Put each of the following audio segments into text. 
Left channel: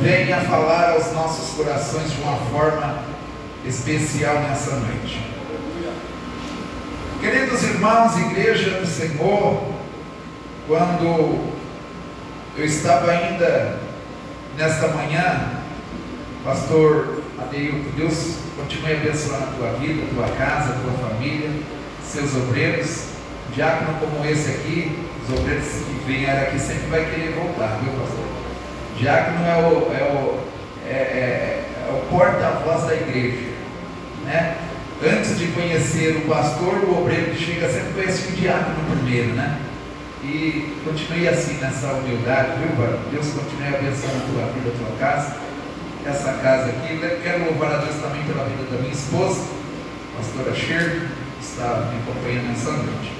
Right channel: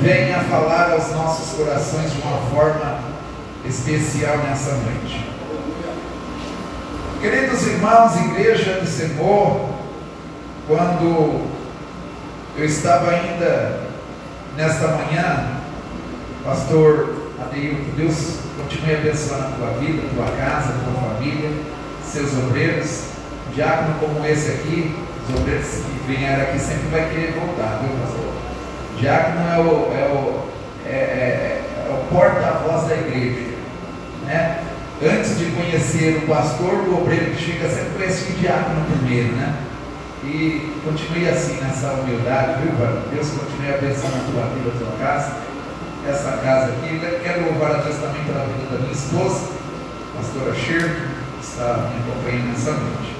venha falar aos nossos corações de uma forma especial nessa noite. Queridos irmãos, igreja do Senhor, quando eu estava ainda nesta manhã, pastor Adeilton, Deus continue abençoando a tua vida, a tua casa, a tua família, seus obreiros. Diácono como esse aqui, os obreiros que vieram aqui sempre vai querer voltar, viu, pastor? Diácono é o porta-voz da igreja, né? Antes de conhecer o pastor, o obreiro que chega sempre conhece o diácono primeiro, né? E continue assim nessa humildade, viu, varão? Deus continue abençoando a tua vida, a tua casa, essa casa aqui. Quero louvar a Deus também pela vida da minha esposa, a pastora Shirley, que está me acompanhando nessa noite.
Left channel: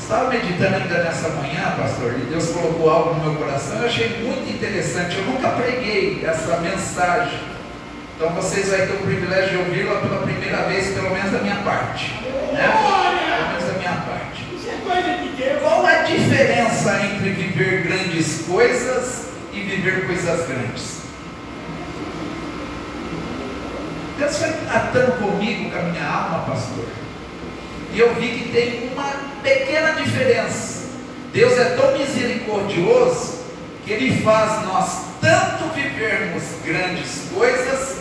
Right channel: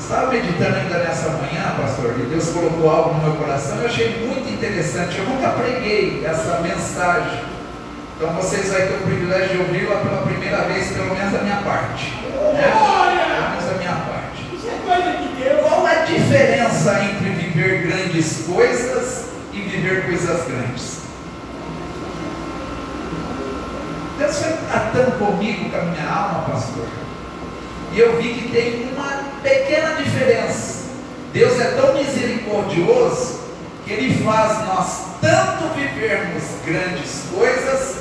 Estava meditando ainda nessa manhã, pastor, e Deus colocou algo no meu coração. Eu achei muito interessante. Eu nunca preguei essa mensagem, então vocês vão ter o privilégio de ouvi-la pela primeira vez, pelo menos da minha parte, né? Pelo menos da minha parte. Qual a diferença entre viver grandes coisas e viver coisas grandes? Deus foi tratando comigo, com a minha alma, pastor, e eu vi que tem uma pequena diferença. Deus é tão misericordioso que Ele faz nós tanto vivermos grandes coisas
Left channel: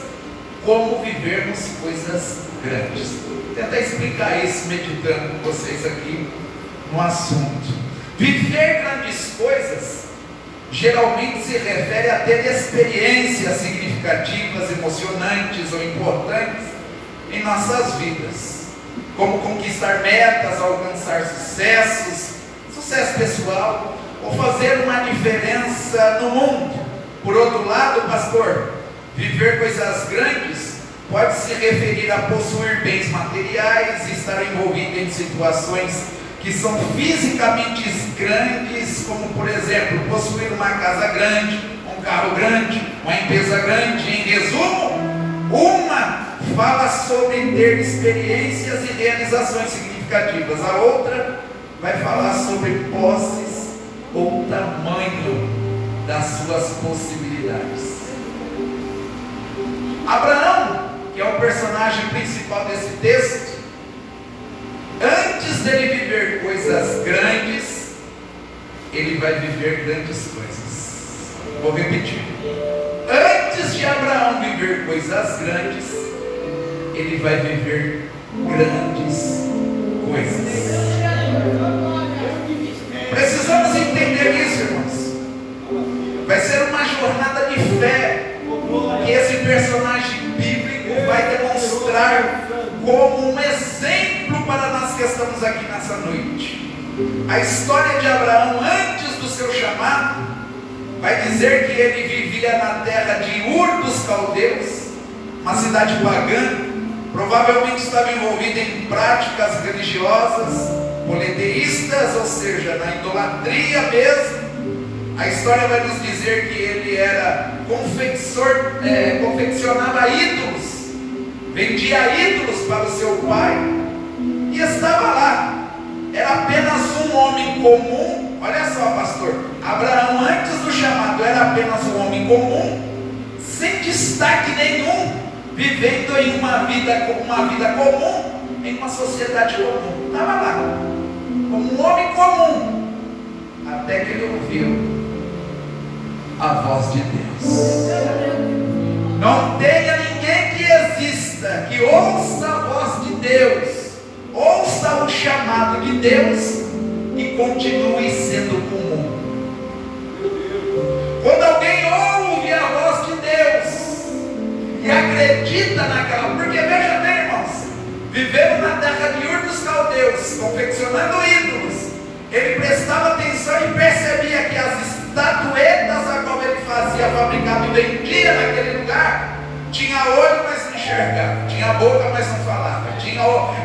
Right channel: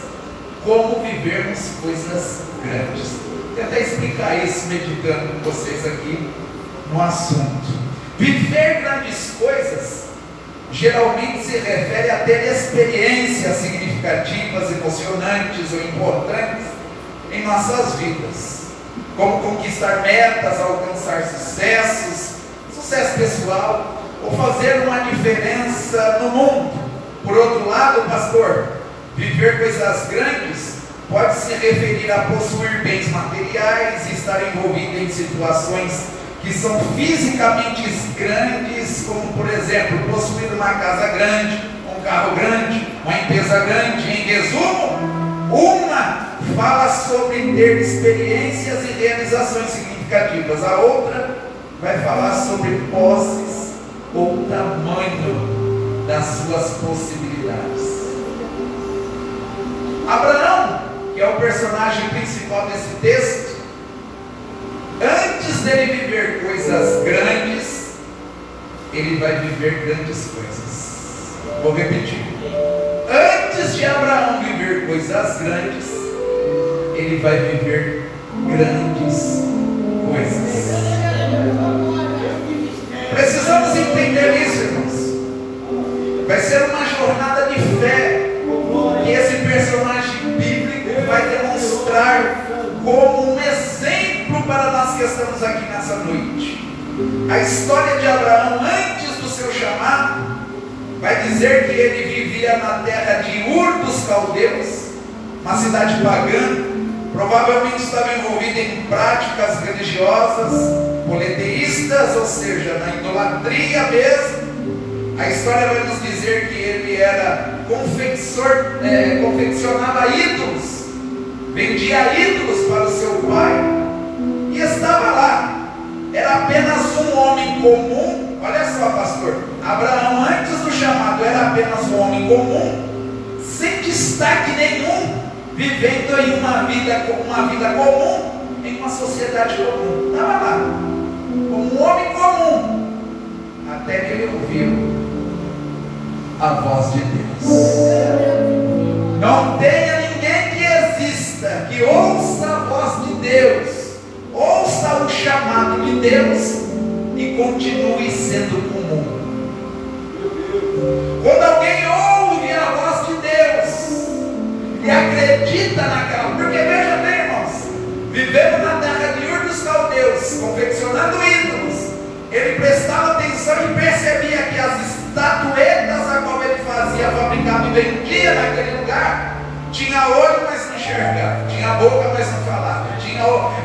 como vivermos coisas grandes. Vou tentar explicar isso meditando com vocês aqui no assunto. Viver grandes coisas geralmente se refere a ter experiências significativas, emocionantes ou importantes em nossas vidas, como conquistar metas, alcançar sucesso pessoal, ou fazer uma diferença no mundo. Por outro lado, pastor, viver coisas grandes pode se referir a possuir bens materiais e estar envolvido em situações que são fisicamente grandes, como por exemplo, possuir uma casa grande, um carro grande, uma empresa grande. Em resumo, uma fala sobre ter experiências e realizações significativas, a outra vai falar sobre posses ou tamanho das suas possibilidades. Abraão, que é o personagem principal desse texto, antes dele viver coisas grandes, ele vai viver grandes coisas. Vou repetir: antes de Abraão viver coisas grandes, ele vai viver grandes coisas. Precisamos entender isso, irmãos. Vai ser uma jornada de fé que esse personagem bíblico vai demonstrar como um exemplo para nós que estamos aqui nessa noite. A história de Abraão antes do seu chamado vai dizer que ele vivia na terra de Ur dos Caldeus, uma cidade pagã. Provavelmente estava envolvido em práticas religiosas politeístas, ou seja, na idolatria mesmo. A história vai nos dizer que ele era confeccionava ídolos, vendia ídolos para o seu pai, e estava lá. Era apenas um homem comum. Olha só, pastor, Abraão antes do chamado era apenas um homem comum, sem destaque nenhum, vivendo em uma vida comum, em uma sociedade comum. Estava lá, como um homem comum, até que ele ouviu a voz de Deus. Não tenha ninguém que exista que ouça a voz de Deus, ouça o chamado de Deus e continue sendo comum. Quando alguém ouve a voz de Deus e acredita naquela, porque veja bem, irmãos, vivendo na terra de Ur dos Caldeus, confeccionando ídolos, ele prestava atenção e percebia que as estatuetas a qual ele fazia, fabricava e vendia naquele lugar, tinha olho, mas não enxergava, tinha boca, mas não falava,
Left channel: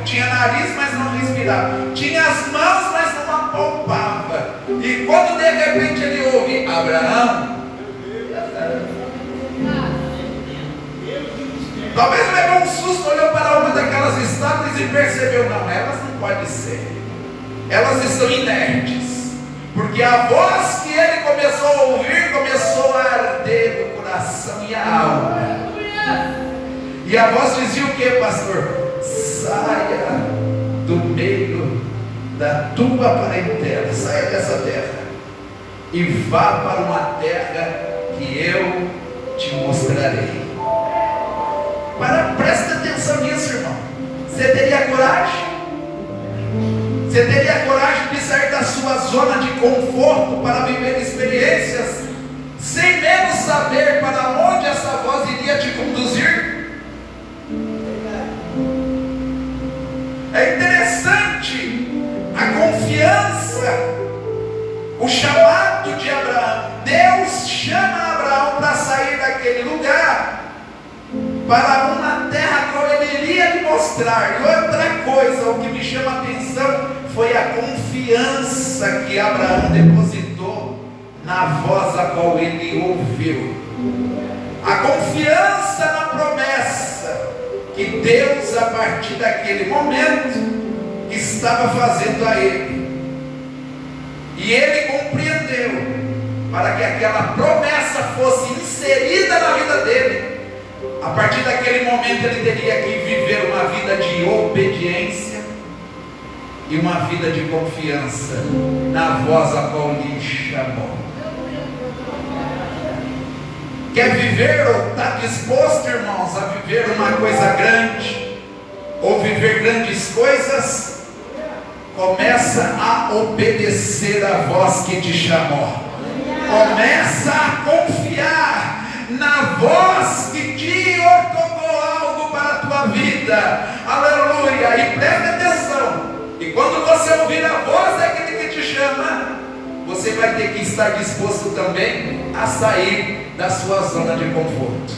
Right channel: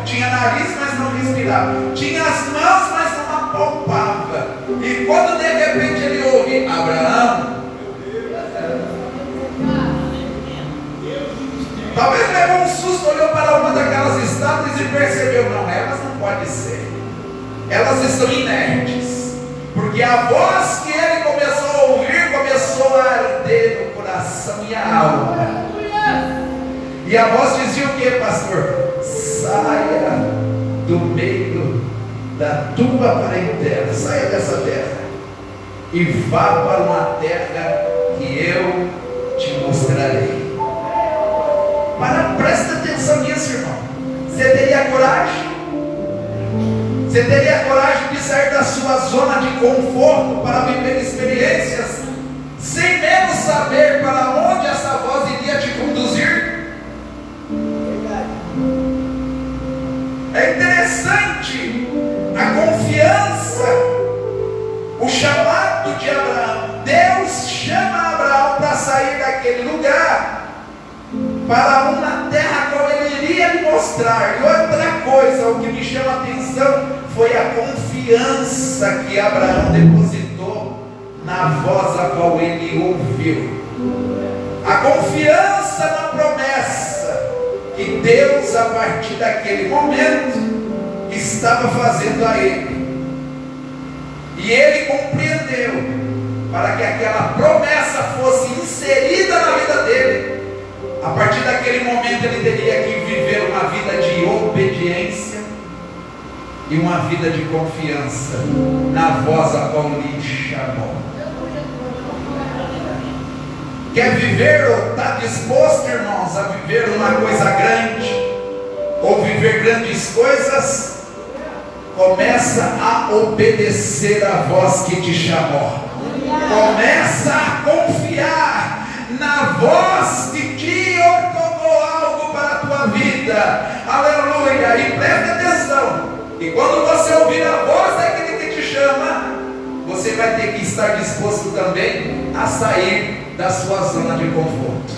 tinha nariz, mas não respirava, tinha as mãos, mas não apalpava. E quando de repente ele ouve Abraão, talvez levou um susto, olhou para uma daquelas estátuas e percebeu: não, elas não podem ser, elas estão inertes, porque a voz que ele começou a ouvir E a voz dizia o que, pastor? Saia do meio da tua parentela, saia dessa terra e vá para uma terra que eu te mostrarei. Presta atenção nisso, irmão. Você teria coragem? Você teria coragem de sair da sua zona de conforto para viver experiências, sem mesmo saber para onde essa voz iria te conduzir? É interessante a confiança, o chamado de Abraão. Deus chama Abraão para sair daquele lugar para uma terra como ele iria lhe mostrar. E outra coisa, o que me chama a atenção foi a confiança que Abraão depositou na voz a qual ele ouviu. A confiança na promessa que Deus, a partir daquele momento, estava fazendo a ele. E ele compreendeu, para que aquela promessa fosse inserida na vida dele, a partir daquele momento ele teria que viver uma vida de obediência e uma vida de confiança na voz a qual lhe chamou. Quer viver ou está disposto, irmãos, a viver uma coisa grande, ou viver grandes coisas? Começa a obedecer a voz que te chamou. Começa a confiar na voz que te ordenou algo para a tua vida. Aleluia! E presta atenção. E quando você ouvir a voz daquele que te chama, você vai ter que estar disposto também a sair da sua zona de conforto,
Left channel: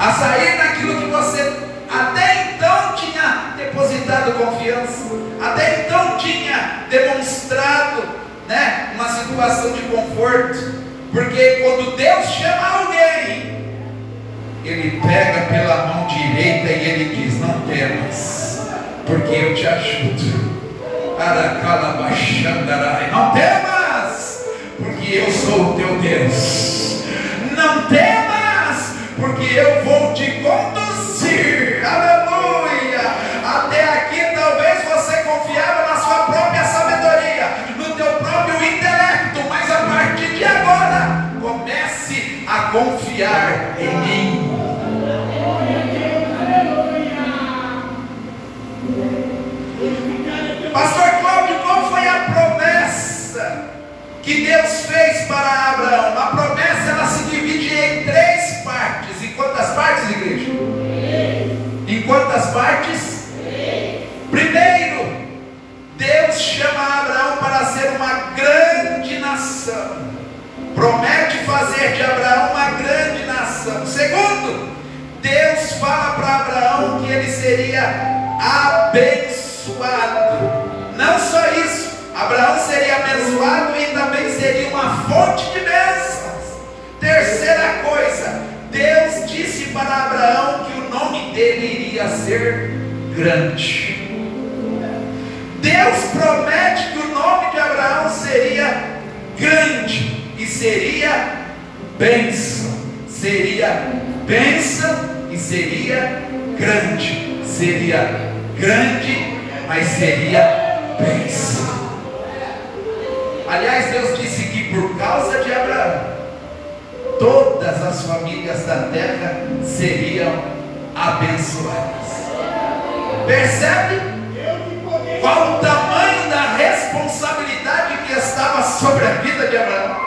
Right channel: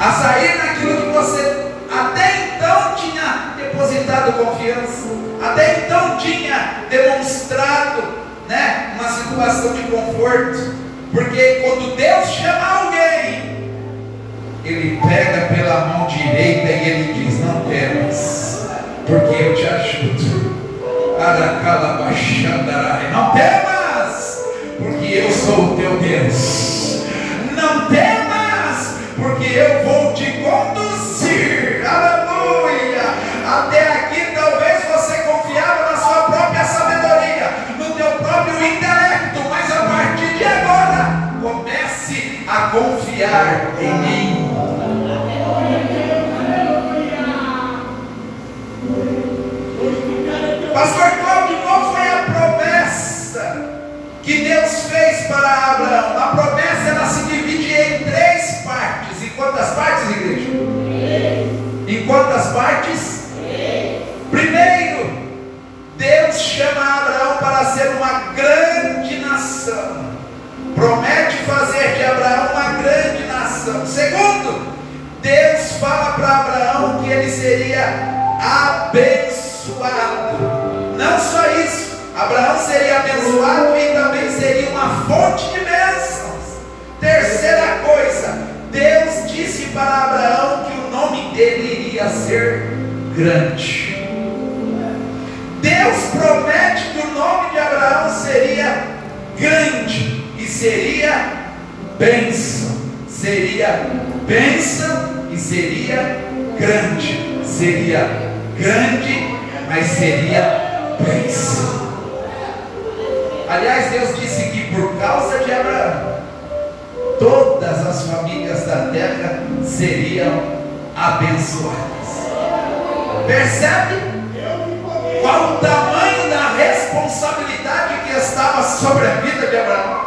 a sair daquilo que você até então tinha depositado confiança, até então tinha demonstrado, uma situação de conforto. Porque quando Deus chama alguém, Ele pega pela mão direita e Ele diz: não temas, porque eu te ajudo. Não temas, porque eu sou o teu Deus. Não temas, porque eu vou te conduzir. Aleluia! Até aqui talvez você confiava na sua própria sabedoria, no teu próprio intelecto, mas a partir de agora comece a confiar em mim. Pastor Cláudio, qual foi a promessa que Deus fez para Abraão? A promessa ela se divide em 3 partes. Em quantas partes, igreja? 3. Em quantas partes? 3. Primeiro, Deus chama Abraão para ser uma grande nação. Promete fazer de Abraão uma grande nação. Segundo, Deus fala para Abraão que ele seria abençoado. Não só isso, Abraão seria abençoado e também seria uma fonte de bênçãos. Terceira coisa, Deus disse para Abraão que o nome dele iria ser grande. Deus promete que o nome de Abraão seria grande e seria bênção. Seria bênção e seria grande. Seria grande, mas seria bênção. Aliás, Deus disse que por causa de Abraão, todas as famílias da terra seriam abençoadas. Percebe qual o tamanho da responsabilidade que estava sobre a vida de Abraão?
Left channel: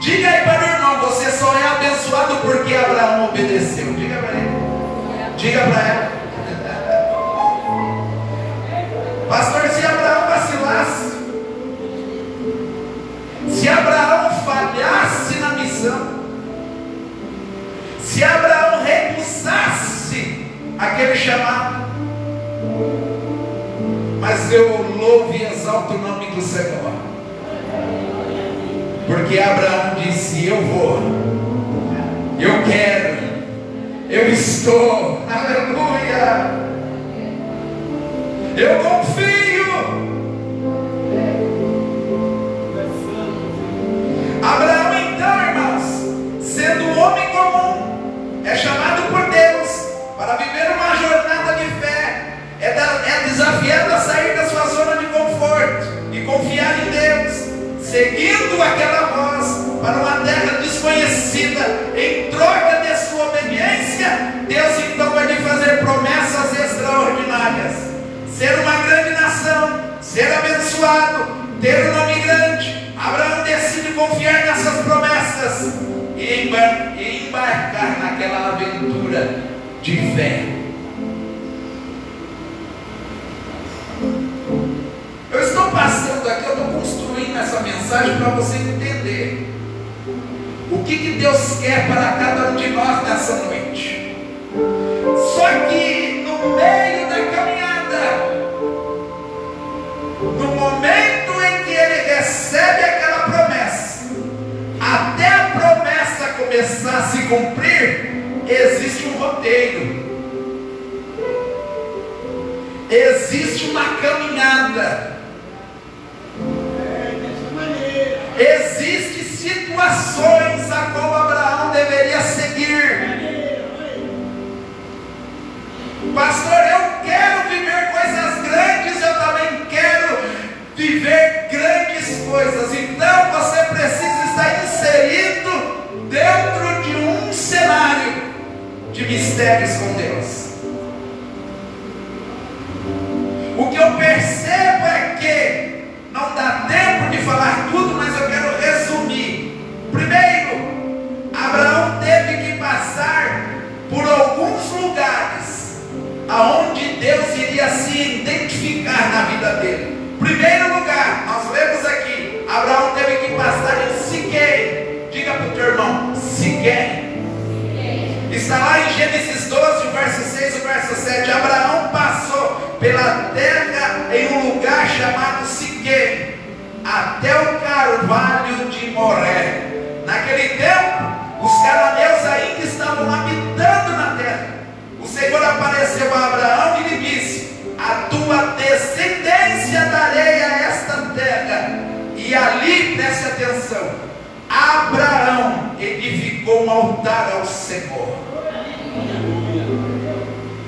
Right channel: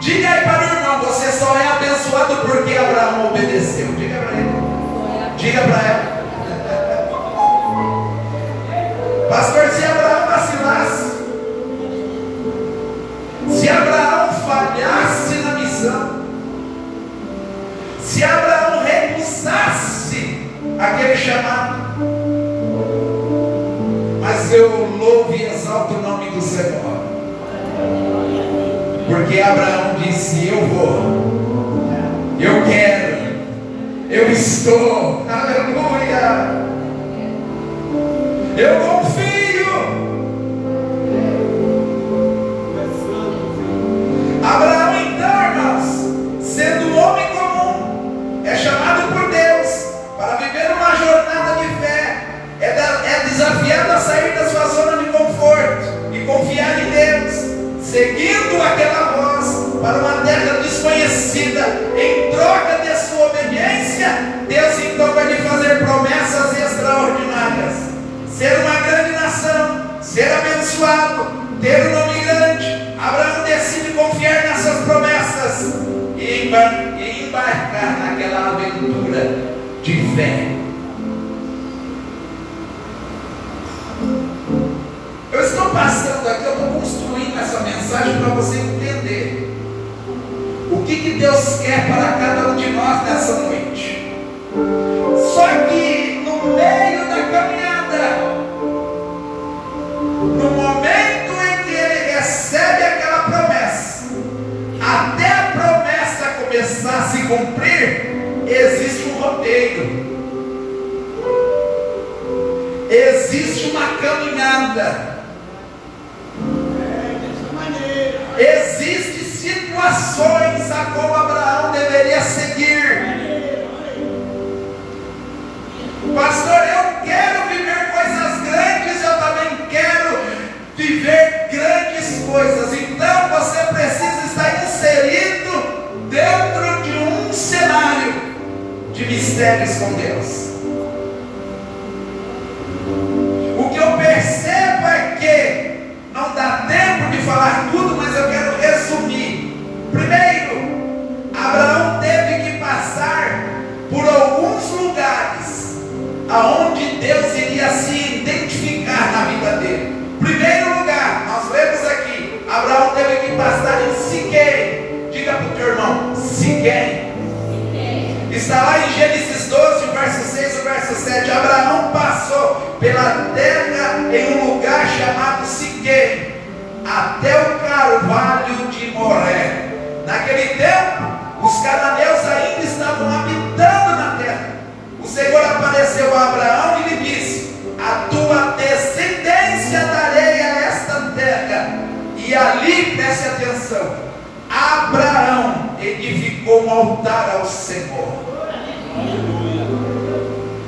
Diga aí para o irmão: você só é abençoado porque Abraão obedeceu. Diga para ele. Diga para ela. Pastor, se Abraão vacilasse, se Abraão falhasse na missão, se Abraão recusasse aquele chamado, mas eu louvo e exalto o nome do Senhor, porque Abraão disse: eu vou, eu quero, eu estou, aleluia. Eu confio. Abraão, então, irmãos, sendo um seguindo aquela voz para uma terra desconhecida, em troca de sua obediência, Deus então vai lhe fazer promessas extraordinárias: ser uma grande nação, ser abençoado, ter um nome grande. Abraão decide confiar nessas promessas e embarcar naquela aventura de fé. Eu estou passando aqui, eu estou construindo essa mensagem para você entender o que Deus quer para cada um de nós nessa noite. Só que no meio da caminhada, no momento em que ele recebe aquela promessa, até a promessa começar a se cumprir, existe um roteiro, existe uma caminhada. Existem situações a qual Abraão deveria seguir. Pastor, eu quero viver coisas grandes, eu também quero viver grandes coisas. Então você precisa estar inserido dentro de um cenário de mistérios com Deus. O que eu percebo é que não dá tempo de falar tudo, mas eu quero resumir. Primeiro, Abraão teve que passar por alguns lugares aonde Deus iria se identificar na vida dele. Primeiro lugar, nós vemos aqui, Abraão teve que passar em Siquém. Diga para o teu irmão, Siquém. Está lá em Gênesis 12, verso 6 e verso 7. Abraão passou pela terra em um lugar chamado Siquém, até o carvalho de Moré. Naquele tempo, os cananeus ainda estavam habitando na terra. O Senhor apareceu a Abraão e lhe disse: a tua descendência darei a esta terra. E ali, preste atenção, Abraão edificou um altar ao Senhor.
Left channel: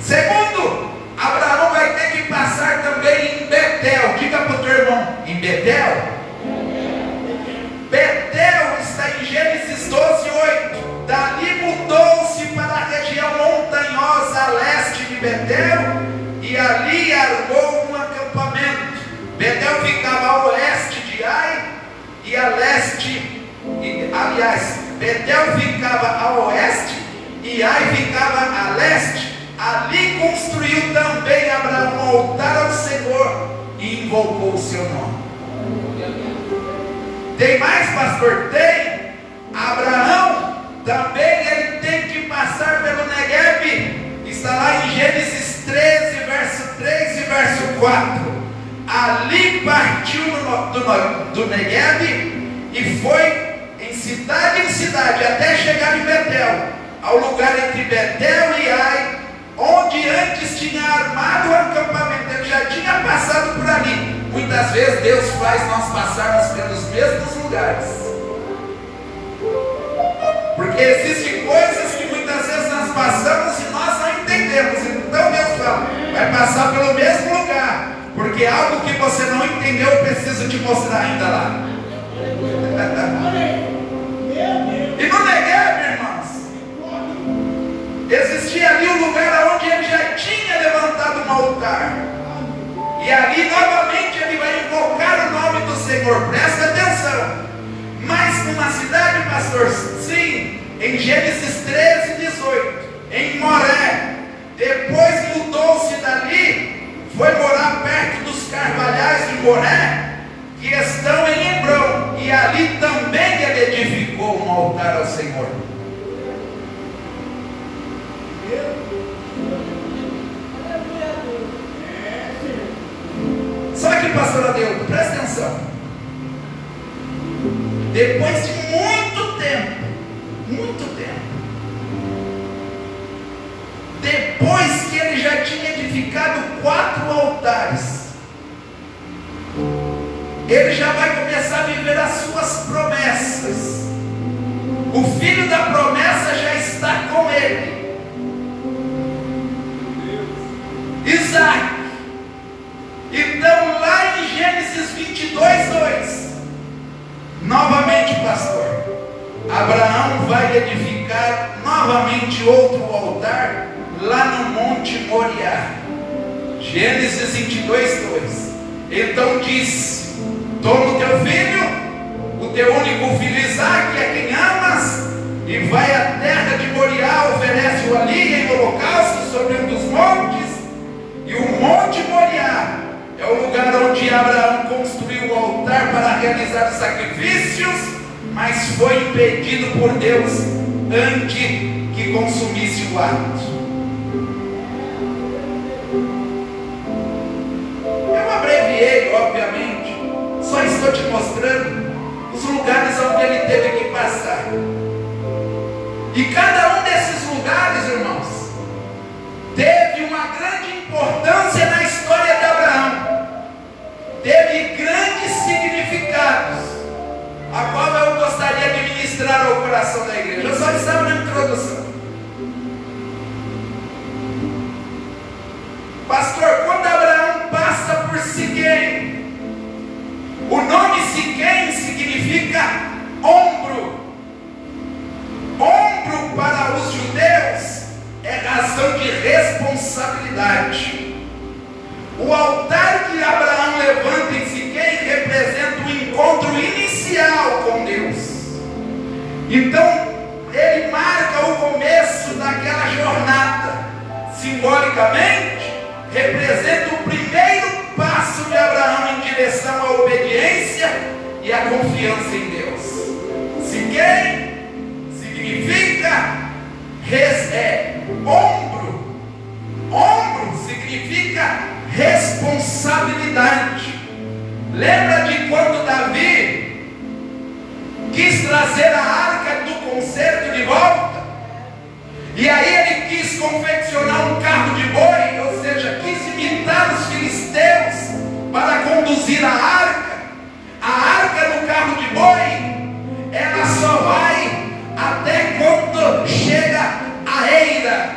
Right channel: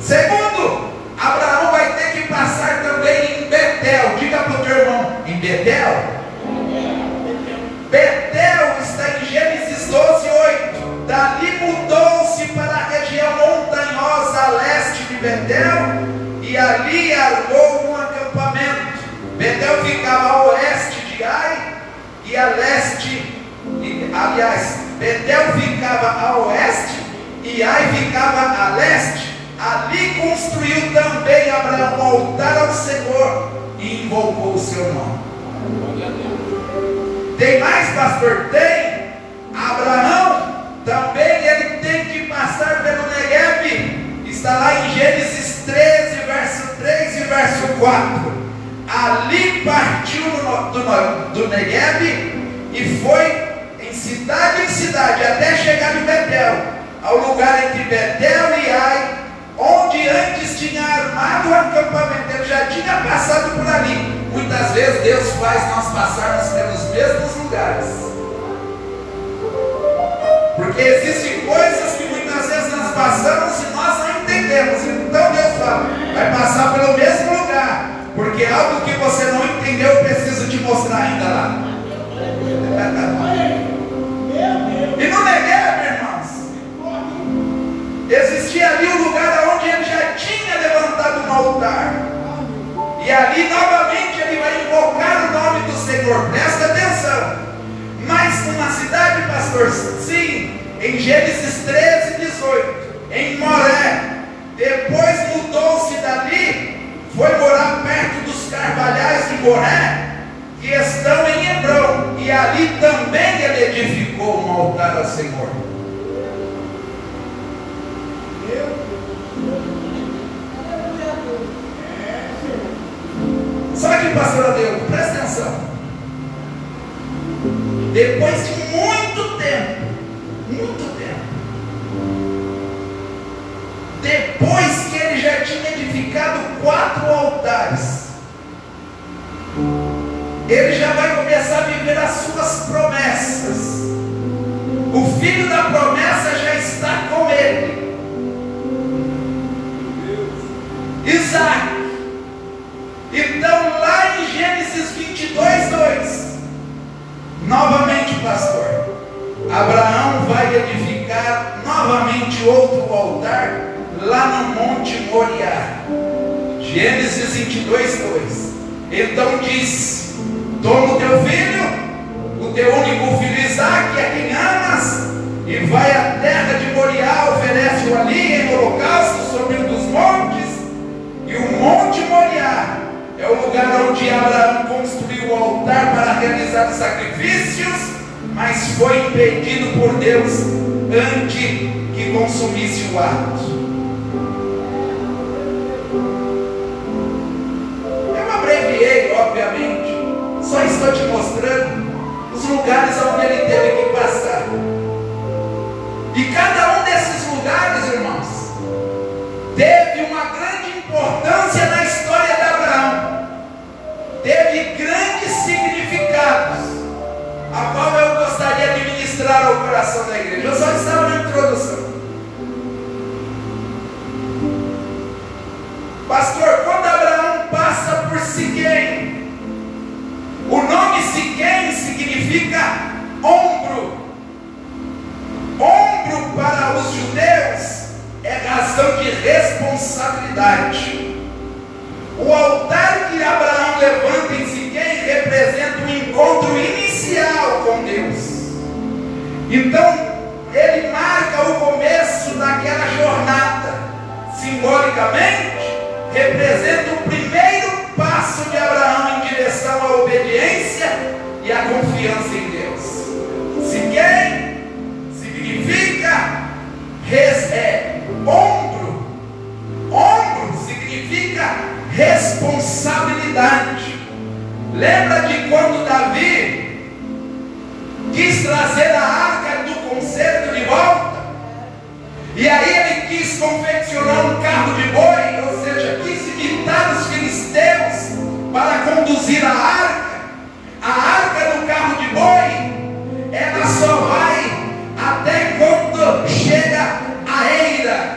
Segundo, Abraão vai ter que passar também em Betel. Diga para o teu irmão, em Betel. Betel está em Gênesis 12, 8. Dali mudou-se para a região montanhosa a leste de Betel, e ali armou um acampamento. Betel ficava a oeste de Ai e a leste. Aliás, Betel ficava a oeste e Ai ficava a leste. Ali construiu também Abraão um altar ao Senhor e invocou o seu nome. Tem mais, pastor? Tem. Abraão também ele tem que passar pelo Negueb. Está lá em Gênesis 13, verso 3 e verso 4. Ali partiu do Negueb e foi em cidade até chegar em Betel, ao lugar entre Betel e Ai, onde antes tinha armado o acampamento. Ele já tinha passado por ali. Muitas vezes Deus faz nós passarmos pelos mesmos lugares, porque existem coisas que muitas vezes nós passamos e nós não entendemos. Então Deus fala, vai passar pelo mesmo lugar, porque algo que você não entendeu eu preciso te mostrar ainda lá. E no Negueb, irmãos, existia ali um lugar onde ele já tinha levantado um altar, e ali novamente ele vai invocar o nome do Senhor. Presta atenção. Mas numa cidade, pastor, sim, em Gênesis 13, 18, em Moré. Depois mudou-se dali, foi morar perto dos carvalhais de Moré, que estão em Hebrom, e ali também ele edificou um altar ao Senhor. Só que, pastor Adeudo, presta atenção. Depois de muito tempo, depois que ele já tinha edificado 4 altares, ele já vai começar a viver as suas promessas. O filho da promessa já está com ele, Isaac. Então lá em Gênesis 22, 2, Abraão vai edificar novamente outro altar lá no Monte Moriá. Gênesis 22, 2. Então disse: toma o teu filho, o teu único filho Isaque, a quem amas, e vai à terra de Moriá, oferece-o ali em holocausto sobre um dos montes. E o Monte Moriá é o lugar onde Abraão construiu o altar para realizar sacrifícios, mas foi impedido por Deus antes que consumisse o ato. Eu abreviei, obviamente, só estou te mostrando os lugares onde ele teve que passar. E cada um desses lugares, irmãos, teve uma grande importância na história de Abraão. Teve grandes significados, a qual eu gostaria de ministrar ao coração da igreja. Eu só estava na introdução. Pastor, quando Abraão passa por Siquém, o nome Siquém significa ombro. Ombro para os judeus é razão de responsabilidade. O altar que Abraão levanta em Siquém representa o encontro inicial com Deus. Então, ele marca o começo daquela jornada. Simbolicamente, representa o primeiro passo de Abraão em direção à obediência e à confiança em Deus. Siquém significa ombro. Ombro significa responsabilidade. Lembra de quando Davi quis trazer a arca do concerto de volta? E aí ele quis confeccionar um carro de boi, ou seja, quis imitar os filisteus para conduzir a arca. A arca do carro de boi, ela só vai até quando chega a eira,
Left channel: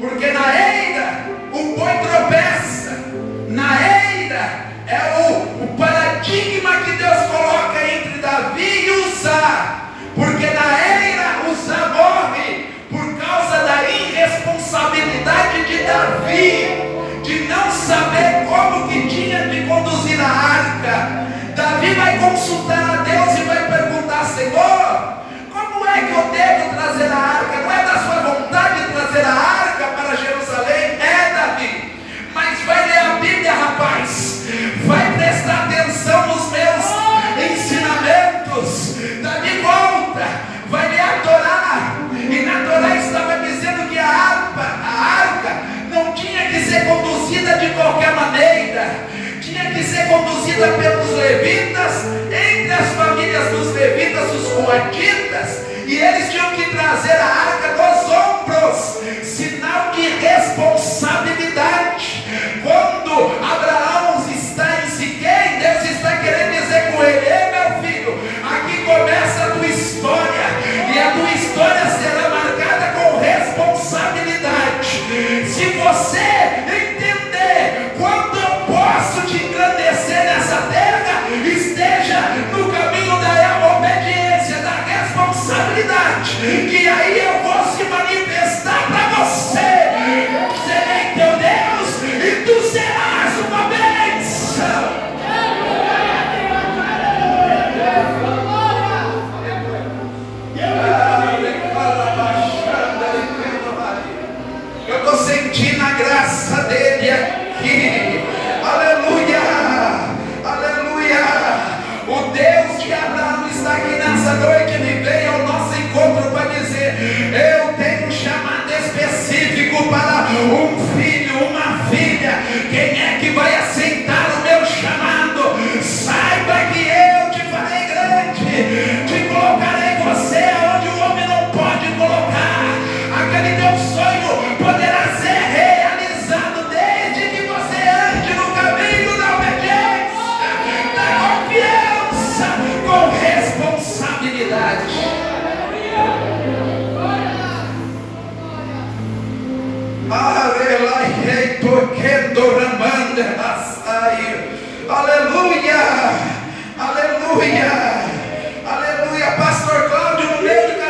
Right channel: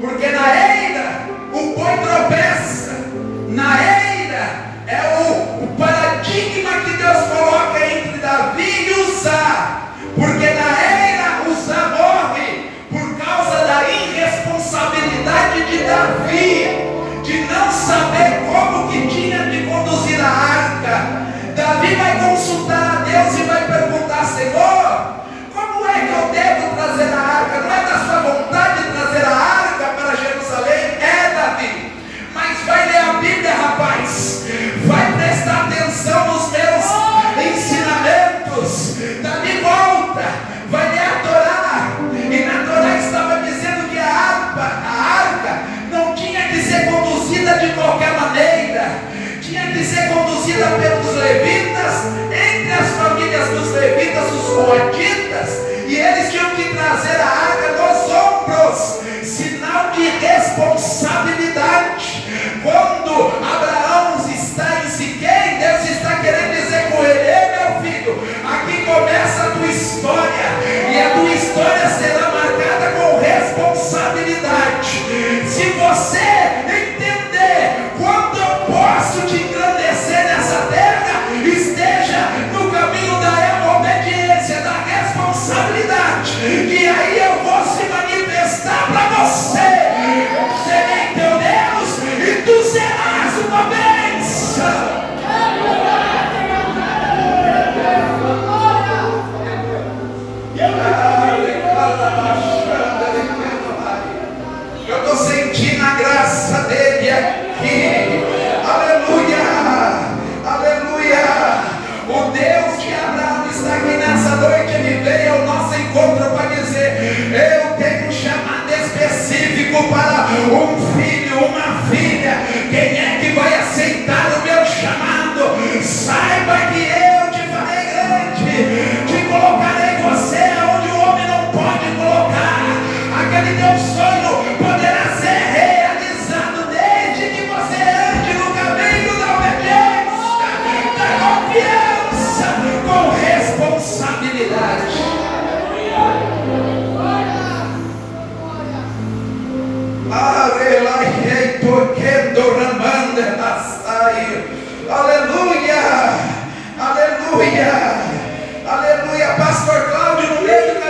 porque na eira o boi tropeça. Na eira é o paradigma que Deus coloca entre Davi e Uzá, porque na eira Uzá morre por causa da irresponsabilidade de Davi, de não saber como que tinha de conduzir a arca. Davi vai consultar a Deus e vai perguntar: Senhor, como é que eu devo trazer a arca? Não é da sua vontade trazer a arca para Jerusalém? É, Davi. Mas vai ler a Bíblia, rapaz. Vai prestar atenção nos meus ensinamentos. Davi volta, vai ler a Torá. E na Torá estava dizendo que a arca não tinha que ser conduzida de qualquer maneira. Tinha que ser conduzida pelos levitas, entre as famílias dos levitas, os coatitas, e eles tinham que trazer a arca nos ombros, sinal de responsabilidade. Quando Abraão está em Siquém, Deus está querendo dizer com ele: ei, meu filho, aqui começa a tua história, e a tua história será marcada com responsabilidade. Se você entender quando eu posso te engrandecer nessa terra, esteja no caminho da obediência, da responsabilidade, que aí eu vou se manifestar para você. Serei teu Deus e tu serás uma bênção. Eu estou sentindo a graça dele aqui. Aleluia, aleluia. O Deus de Abraão está aqui nessa noite. Ele veio ao nosso encontro para dizer: eu tenho um chamado específico para um filho, uma filha. Quem é que vai aceitar o meu chamado? Saiba que eu te farei grande, te colocarei você onde o homem não pode colocar. Aquele teu sonho poderá ser realizado desde que você ande no caminho da obediência, da confiança, com responsabilidade. Aleluia, aleluia, aleluia. Pastor Cláudio, no meio do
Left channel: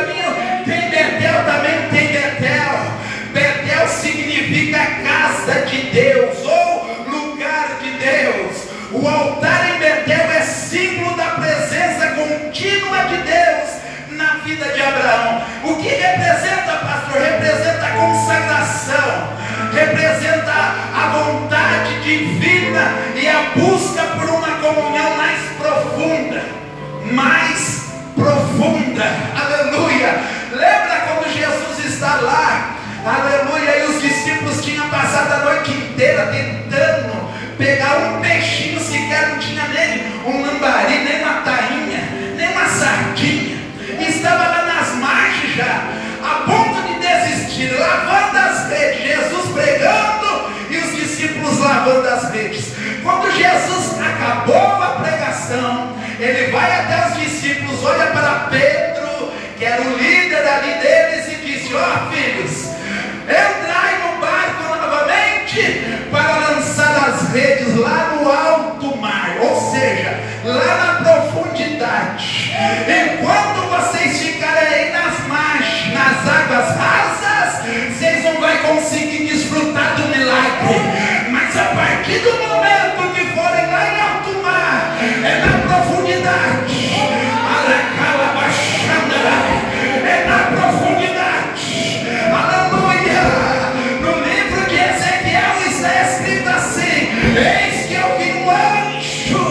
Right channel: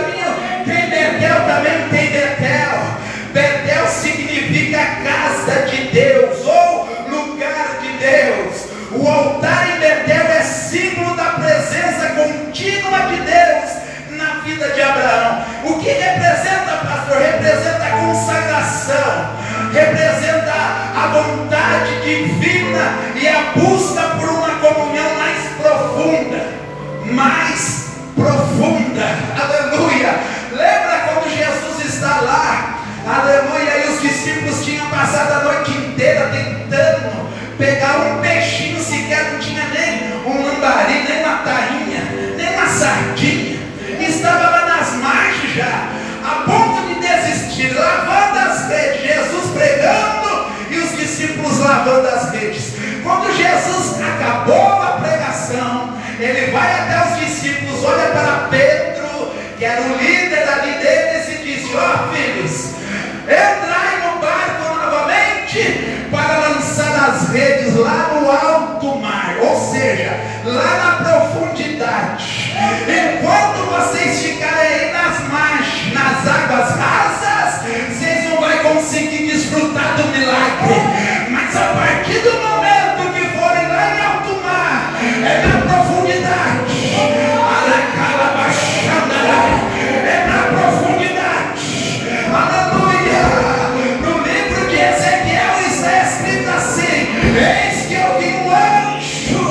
casa de Deus ou lugar de Deus. O altar em Betel é símbolo da presença contínua de Deus na vida de Abraão. O que representa, pastor? Representa a consagração, representa a vontade divina e a busca por uma comunhão mais profunda, aleluia. Lembra quando Jesus está lá, aleluia, e os discípulos tinham passado a noite inteira tentando pegar um peixinho sequer, não tinha nem um lambari, nem uma tainha, nem uma sardinha, estava lá nas margens já, a ponto de desistir, lavando as redes, Jesus pregando e os discípulos lavando as redes. Quando Jesus acabou a pregação, ele vai até os discípulos, olha para Pedro, que era o líder ali deles, e disse: ó filhos, entrai no barco novamente para lançar as redes lá no alto mar, ou seja, lá na profundidade. Enquanto vocês ficarem aí nas margens, nas águas rasas, vocês não vão conseguir desfrutar do milagre. Mas a partir do momento que forem lá em alto mar, é na profundidade, é na profundidade, aleluia. No livro de Ezequiel está escrito assim: eis que eu vi um anjo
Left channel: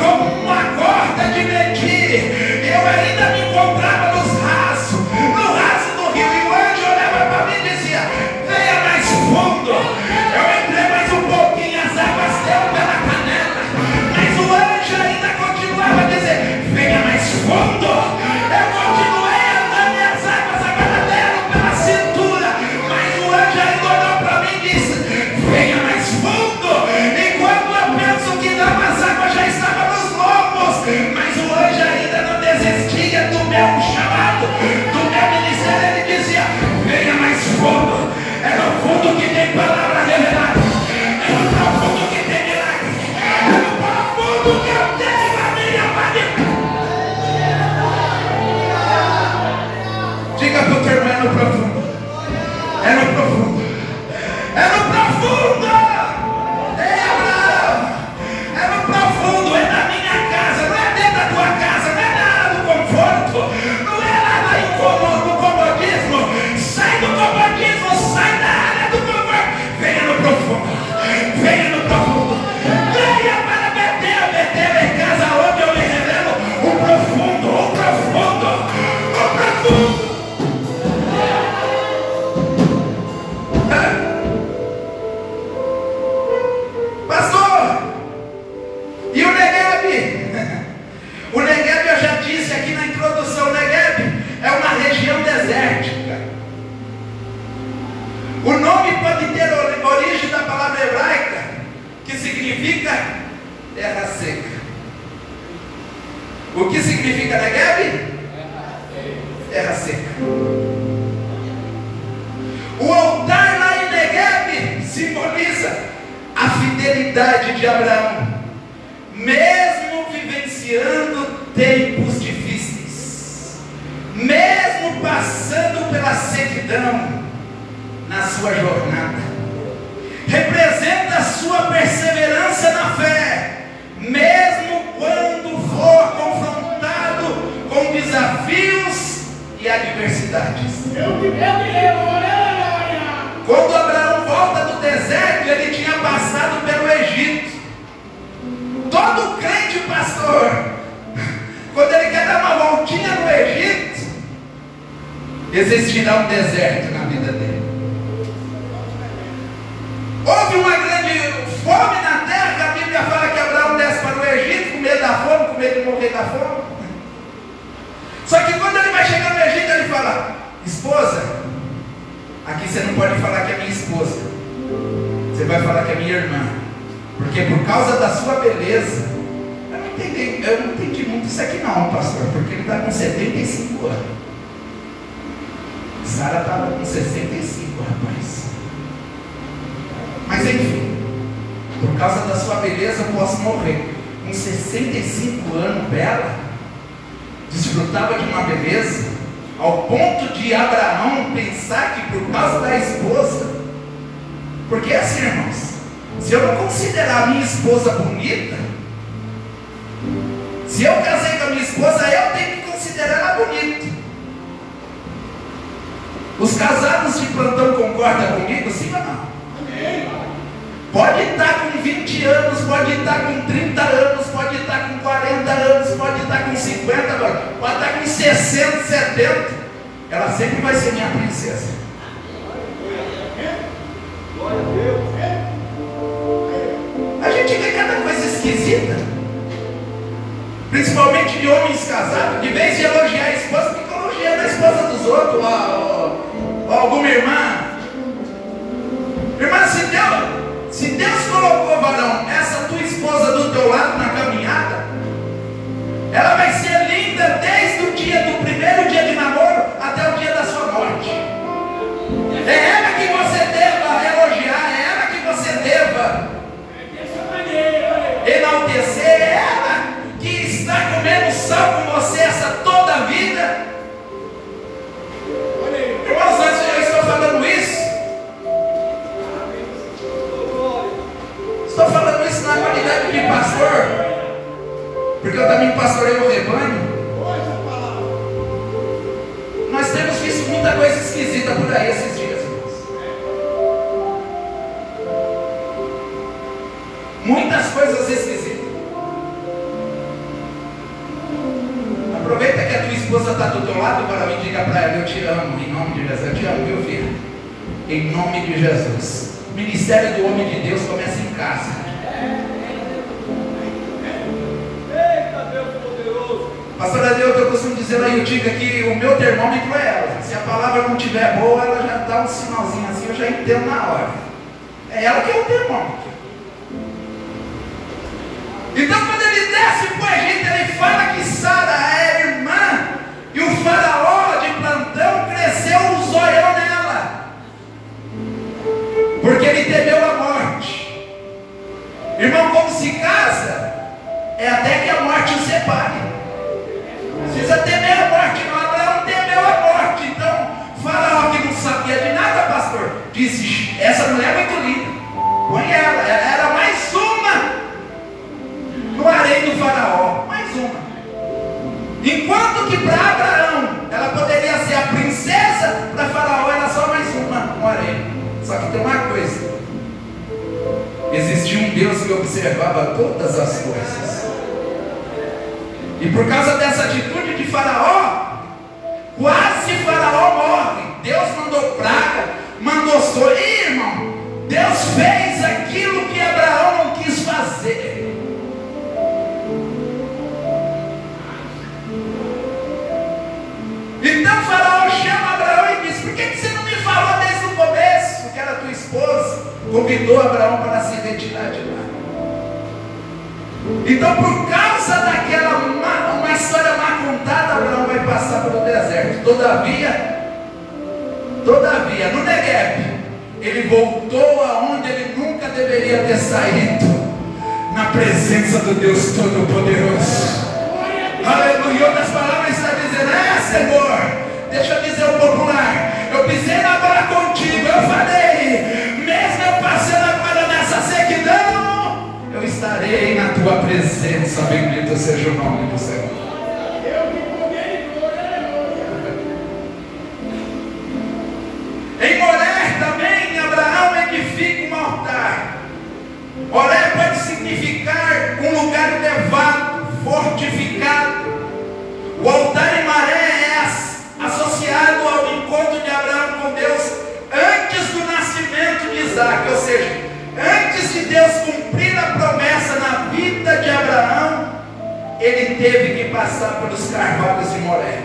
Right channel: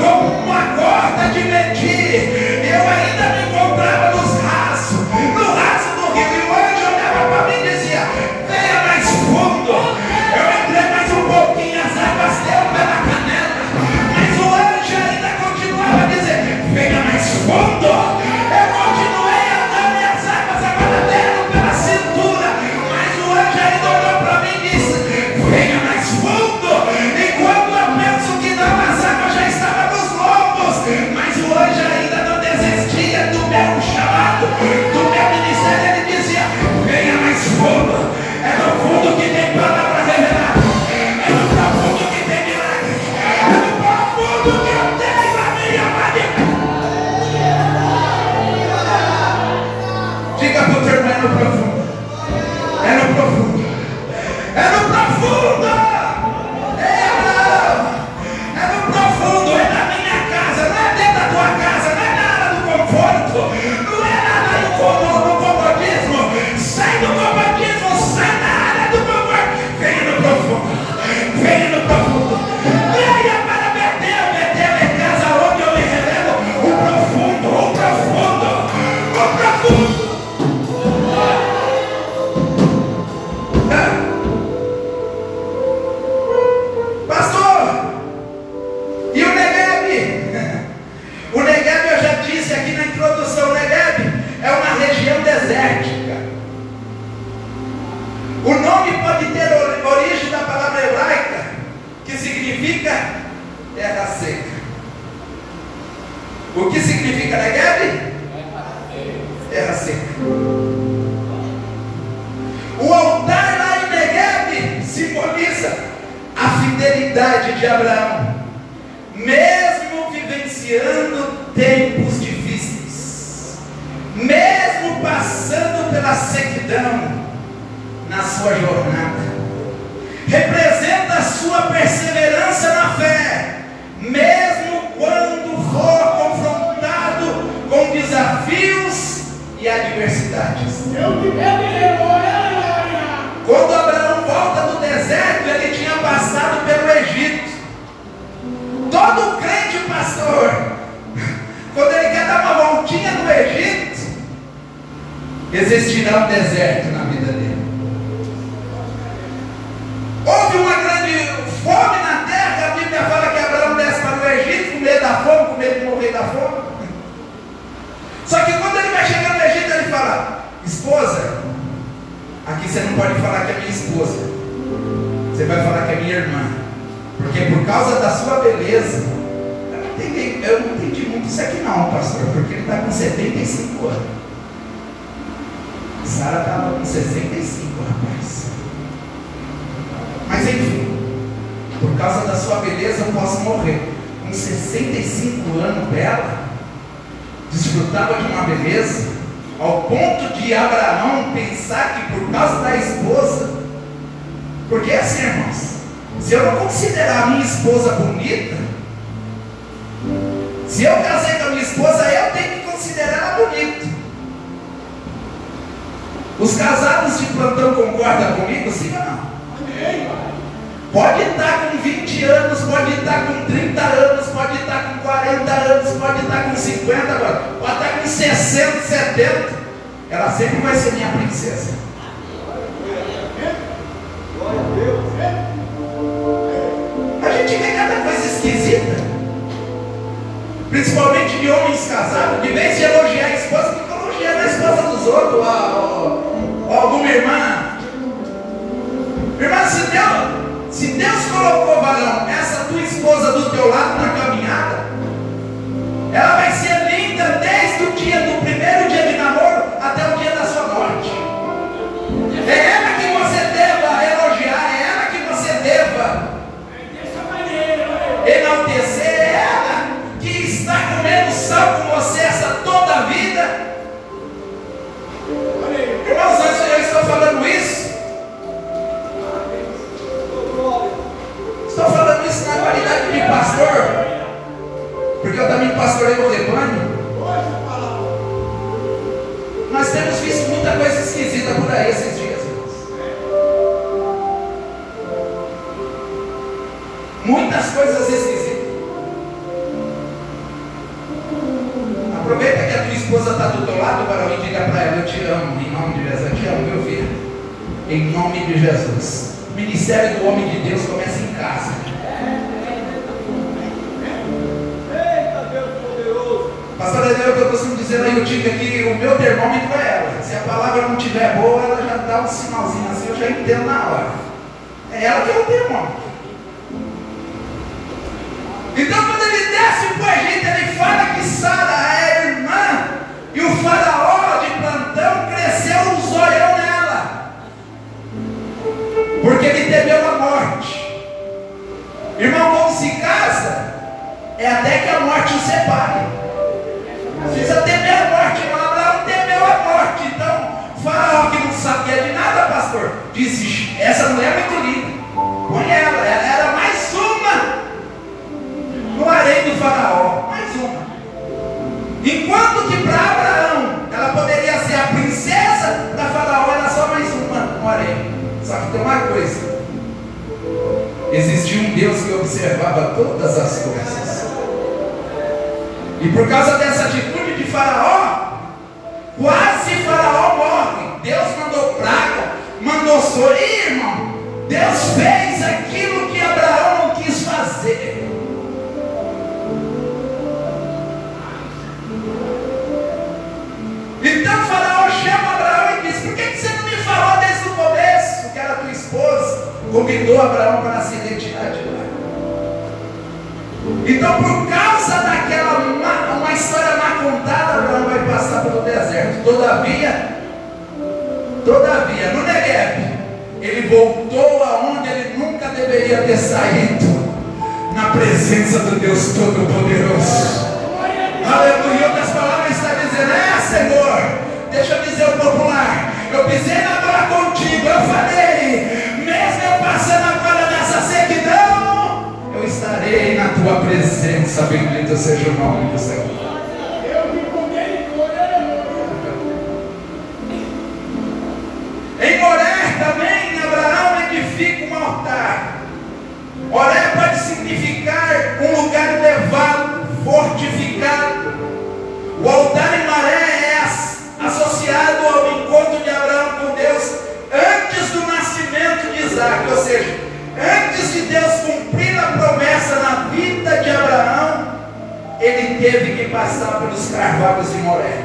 com uma corda de medir. Eu ainda me encontrava no raso do rio, e o anjo olhava para mim e dizia: venha mais fundo. Eu entrei mais um pouquinho, as águas deu pela canela, mas o anjo ainda continuava a dizer: venha mais fundo. Eu continuei andando e as águas agora deram pela cintura, mas o anjo ainda olhou para mim e disse: venha mais fundo. Enquanto eu penso que não, as águas já estavam nos lombos, mas o anjo ainda não desistia do meu chamado, do meu ministério. Ele dizia: venha mais fundo. É no fundo que tem palavra revelada, é no profundo que tem milagre, é no profundo que eu tenho a minha maneira. Diga para o teu irmão: é no profundo, é no profundo, é no profundo. É no profundo, é na minha casa, não é dentro da tua casa, não é na área do conforto, não é lá no comodismo. Sai do comodismo, sai da área do conforto. Venha no profundo, venha no profundo, venha para Betel. Betel é casa onde eu me revelo o profundo, o profundo, o profundo. Pastor, e o Negueb? O Negueb, eu já disse aqui na introdução, o Negueb é uma região desértica. O nome pode ter origem da palavra hebraica, que significa terra seca. O que significa Negueb? Terra seca. O altar lá em Negueb simboliza a fidelidade de Abraão, mesmo vivenciando tempos difíceis, mesmo passando pela sequidão na sua jornada. Representa a sua perseverança na fé, mesmo quando for confrontado com desafios e adversidades. Quando Abraão volta do deserto, ele tinha passado pelo Egito. Todo crente, pastor, quando ele quer dar uma voltinha no Egito, existirá um deserto na vida dele. Houve uma grande fome na terra. A Bíblia fala que Abraão desce para o Egito com medo da fome, com medo de morrer da fome. Só que quando ele vai chegar no Egito, ele fala: esposa, aqui você não pode falar que é minha esposa, você vai falar que é minha irmã, porque por causa da sua beleza. Eu não entendi muito isso aqui não, pastor, porque ele está com 75 anos. Sara estava com 65, rapaz. Mas enfim, por causa da sua beleza eu posso morrer. Com 65 anos, bela, desfrutava de uma beleza, ao ponto de Abraão pensar que por causa da esposa Porque assim, irmãos, se eu não considerar a minha esposa bonita, se eu casei com a minha esposa, eu tenho que considerar ela bonita. Os casados de plantão concordam comigo, sim ou não? Pode estar com 20 anos, pode estar com 30 anos, pode estar com 40 anos, pode estar com 50 agora, pode estar com 60, 70. Ela sempre vai ser minha princesa. A gente vê cada coisa esquisita, principalmente de homens casados, de vez de elogiar a esposa, fica elogiando a esposa dos outros. Alguma irmã, se Deus colocou, varão, essa tua esposa do teu lado na caminhada, ela vai ser linda desde o dia do primeiro dia de namoro até o dia da sua morte. É ela que você deva elogiar, é ela que você deva enaltecer, é ela que está comendo sal com você essa toda a vida. Irmãos, antes eu estou falando isso, estou falando isso na qualidade de pastor, porque eu também pastorei o rebanho. Nós temos visto muita coisa esquisita por aí esses dias, irmãos. Muitas coisas esquisitas. Aproveita que a tua esposa está do teu lado para vir, diga para ela: eu te amo, em nome de Jesus. Eu te amo, meu filho, em nome de Jesus. O ministério do homem de Deus começa em casa. Eita Deus poderoso. Pastor Adeus, eu costumo dizer aí, eu digo que o meu termômetro é ela. Se a palavra não estiver boa, ela já dá um sinalzinho assim, eu já entendo na hora. É ela que é o termômetro. Então, quando ele desce para o Egito, ele fala que Sara é irmã, e o faraó de plantão cresceu um zoião nela, porque ele temeu a morte. Irmão, como se casa, é até que a morte o separe. Não precisa temer a morte, não. Abraão temeu a morte. Então, faraó, que não sabia de nada, pastor, disse: essa mulher é muito linda, põe ela era mais uma no harém do faraó, mais uma. Enquanto que para Abraão ela poderia ser a princesa, para faraó era só mais uma no harém. Só que tem uma coisa: existia um Deus que observava todas as coisas. E por causa dessa atitude de faraó, quase faraó morre. Deus mandou praga, mandou sol. E, irmão, Deus fez aquilo que Abraão não quis fazer. Então faraó chama Abraão e diz: por que você não me falou desde o começo que era tua esposa? Convidou Abraão para se retirar de lá. Então, por causa daquela uma história mal contada, Abraão vai passar pelo deserto. Todavia, no Negueb, ele voltou aonde ele nunca deveria ter saído, na presença do Deus Todo-Poderoso. Aleluia. Outras palavras está dizendo: Senhor, deixa eu dizer o popular, eu pisei na bola contigo, eu falei, mesmo eu passando agora nessa sequidão, eu estarei na tua presença. Bendito seja o nome do Senhor. Em Moré também Abraão edifica um altar. Moré pode significar um lugar elevado, fortificado. O altar em Moré é associado ao encontro de Abraão com Deus antes do nascimento de Isaac, ou seja, antes de Deus cumprir a promessa na vida de Abraão, ele teve que passar pelos carvalhos de Moré.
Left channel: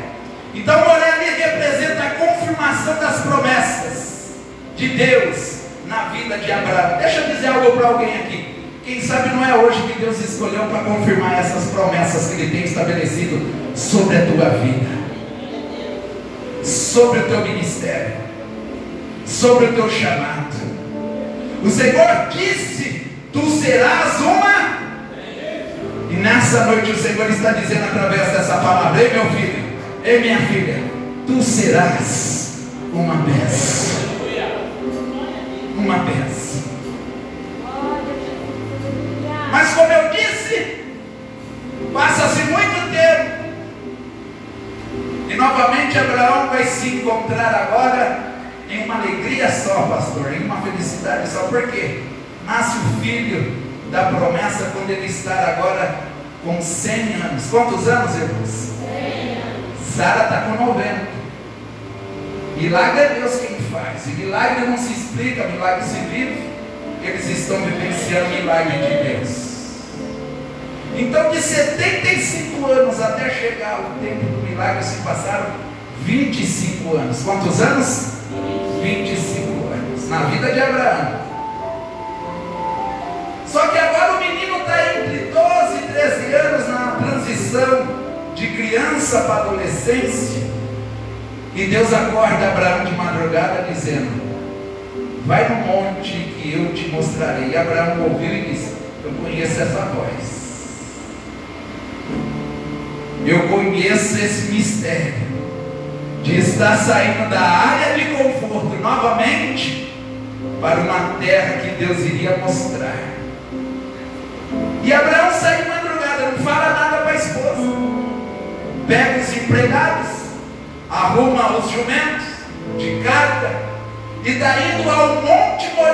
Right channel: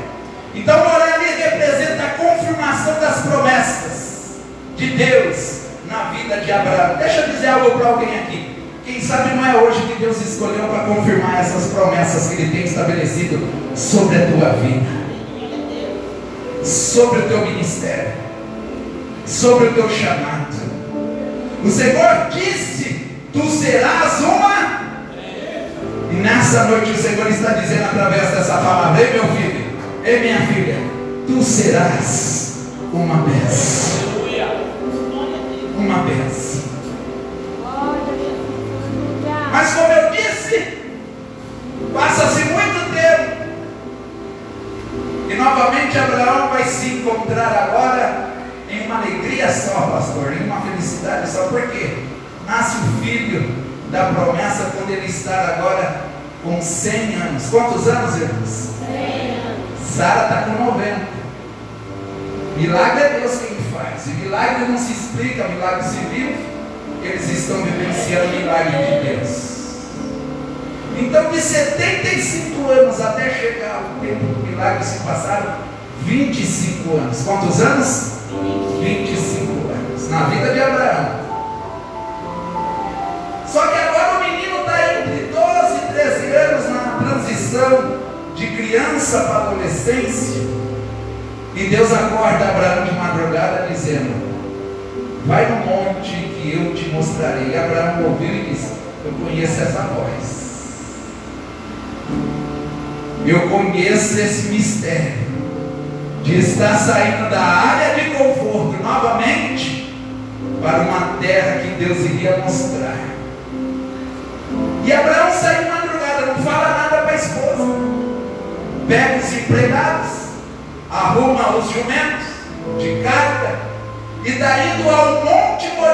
Então Moré ali representa a confirmação das promessas de Deus na vida de Abraão. Deixa eu dizer algo para alguém aqui. Quem sabe não é hoje que Deus escolheu para confirmar essas promessas que Ele tem estabelecido sobre a tua vida, sobre o teu ministério, sobre o teu chamado. O Senhor disse: tu serás uma. E nessa noite o Senhor está dizendo através dessa palavra: ei meu filho, ei minha filha, tu serás uma bênção. uma bênção. Mas como eu disse, passa-se muito tempo, e novamente Abraão vai se encontrar agora em uma alegria só, pastor, em uma felicidade só. Por quê? Nasce o filho da promessa quando ele está agora com 100 anos. Quantos anos, irmãos? 100 anos. Sara está com 90. Milagre é Deus quem faz, e milagre não se explica, milagre se vive. Eles estão vivenciando o milagre de Deus. Então, de 75 anos até chegar o tempo do milagre, se passaram 25 anos. Quantos anos? 25 anos na vida de Abraão. Só que agora o menino está entre 12 e 13 anos, na transição de criança para adolescência. E Deus acorda Abraão de madrugada dizendo: vai no monte que eu te mostrarei. E Abraão ouviu e disse: eu conheço essa voz, eu conheço esse mistério de estar saindo da área de conforto novamente para uma terra que Deus iria mostrar. E Abraão sai de madrugada, não fala nada para a esposa, pega os empregados, arruma os jumentos de carga e está indo ao Monte Moriá.